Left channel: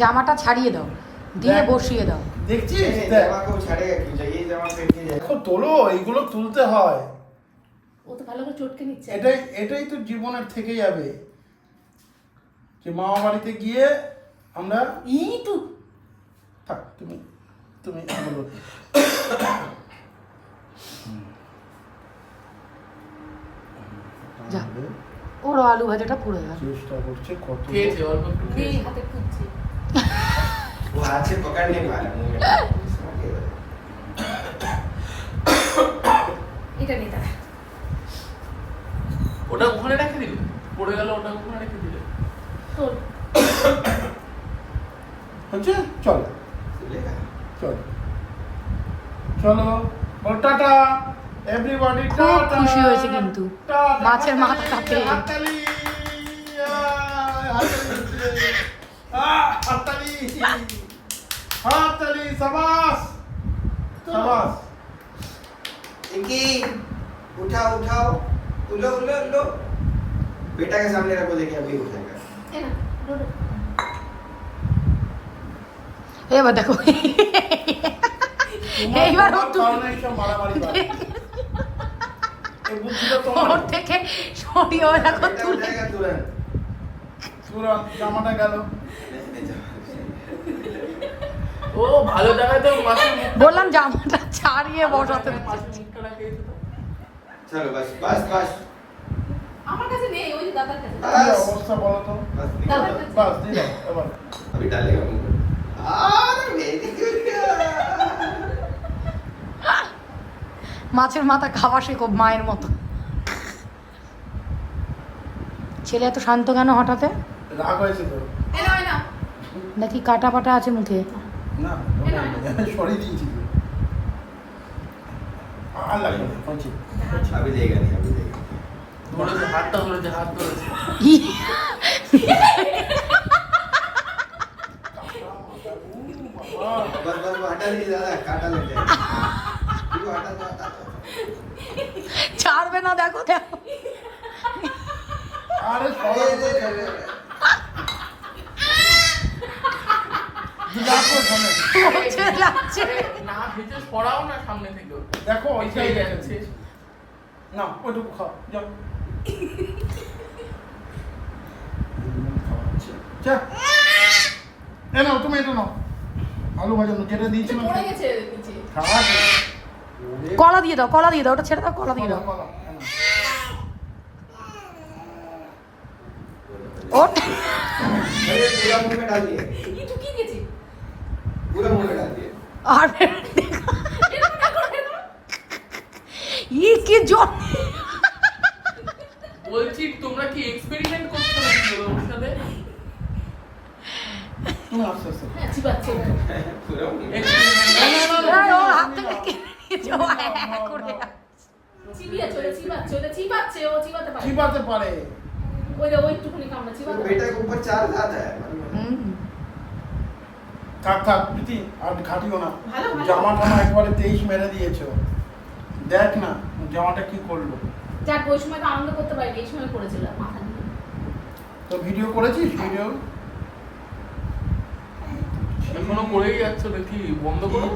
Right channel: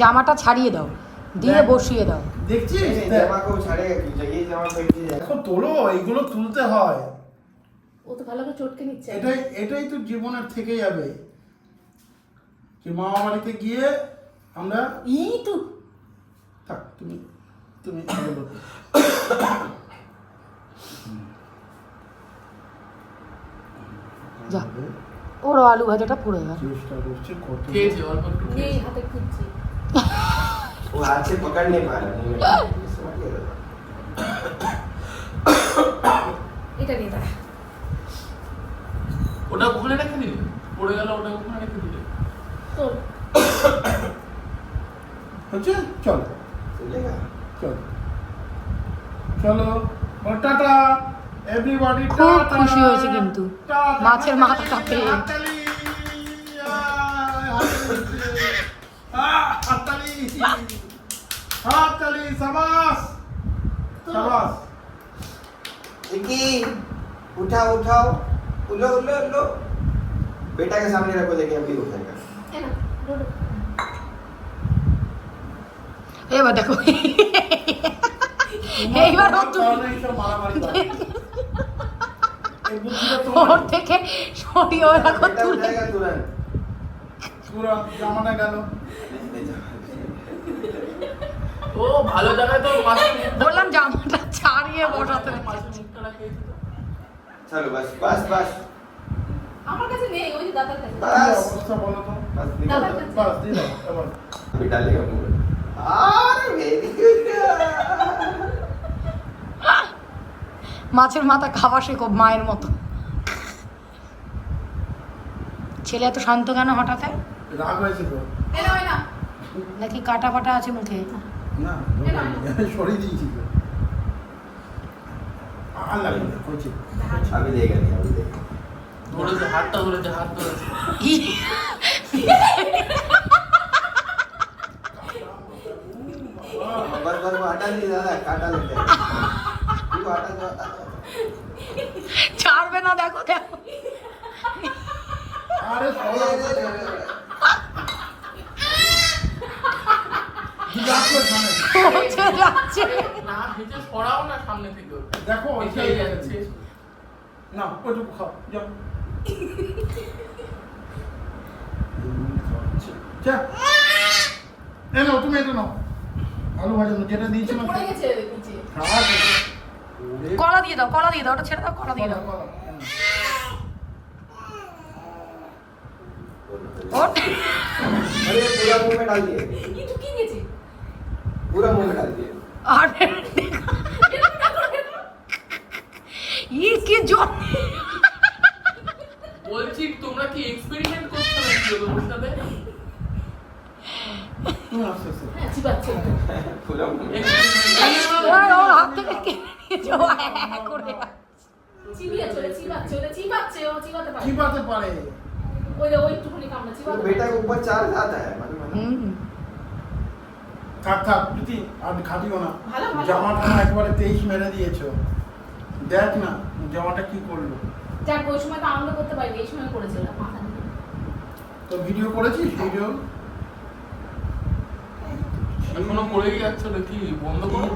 জামাটা ছাড়িয়ে দাও, দিয়ে বসিয়ে দাও। দেখছিস দেখো তোলো, এইগুলো তুলতে হয়। ও তো ভালো করে চটকে নিচ্ছে। এটাই তো জীবনের থেকে যাবে, যে মামা বাড়িতে গিয়ে আমরা তো থাক। তুমি যা, ওর আলু ভাজাটা পুড়ে গেল। চেষ্টা করছে কত এই হাতে খুঁজছি। वो हाथ से पकड़ नहीं पा रहा এটা নিয়ে দাঁড়া। ওটা ওখানে রেখে দিলে পড়ে গেল, ওটা ওখানে রেখে দিলে তো হচ্ছে। চল चलेगा চলো টাটা এভরিবডি। খুব খুশি হয়েছে কিন্তু মাছের মাথাটা পেয়ে। हाथताली शाबाश शाबाश। इनकी उठाओ उठाओ, उलो उलो उलो, बेटा के सामने रखो, देखिए अभी उठेगा। এ না ডোডো। এবার দেখো, এইবার মারামারি ওর থেকে সরিয়ে রাখো, बेटा उठेगा तुरंत। পুরো জামাটা গেল। ও ভালো জায়গায় তো পাশে বললাম জামাটা ছাড়িয়ে বসাতে। चलो बस बस बस আমার কাছে নেই, ওই যে দাদার কাছে। কি অবস্থা বলো তো? बस निकल। বাস দিলাম এবার। अभी डालेगा मुंह में। Very good. মাছের মাথা খাওয়া শেখো মায়ের মতো। ছেলে এত শান্ত কেন হঠাৎ? রাগ হয়েছে তো? এ না নাকি কাটা ফাটা আছে মুখে? না সরিয়ে দিয়েছি তো। আল্লাহ হচ্ছে। अभी देगा नहीं, अभी देगा। ধরেছে, হাতটা ধরেছে, হাত ধরেছে। बस बस वो हटा दीजिए दादा, काटा लेते हैं। वो हटा दो, हटा दो। ছাড়বে না, দেখো দেখো। আরে সবাই পৌঁছে যাচ্ছে। না ভিজে সরাও না সামনে থেকে। দেখো এটাই যাচ্ছে। না ওটুকু খাও যাও। এ নাও তুমি, এটা নাও আলু ভাজানো যেটা দিয়েছিলাম। পড়ে গেছে নিচে। খাওয়া কলা দিয়ে দাও, কলা দিয়ে দাও, ওটা ছেড়ে দাও, কলা দিয়ে দাও। ওঠ। अरे पूरा मुंह में डाल दिए, কি ঢুকিয়ে গেছে। पूरा मुंह में डाल दिए। আর ই কি জোর। বলছি তোমরা কি এক্সপেরিমেন্ট করছো নাকি ওর সাথে? তুমি আস্তে আস্তে হ্যাঁ চিবাচ্ছে। पूरा मुंह में। ওর হাত থেকে কেড়ে নিয়েছে, ও হ্যাঁ করে। চিবিয়ে চলে চিবাচ্ছে, ওটা চিবাচ্ছে, ও চিবাতে পারে। চিবাতে পারে। ওই যে ওই একটুখানি কামড়া চিবাতে तो পারে। बेटा के ऊपर चार ज्यादा है मालूम है? হুম। থাক প্রীতি আর ঘাটিও না। ভালো, ভালো। জামাটা না একেবারে 23 মেরে দিয়েছো। দেখ না জামাটা কি করলো। যাক ওই সময় তো আনন্দ করতে পারিনি, এই সময় করেছিল মাথা নিয়ে। তো ভিডিও করেছিস ভিডিও? এখনো পড়েই যাচ্ছ নাকি? বন্ধ করো।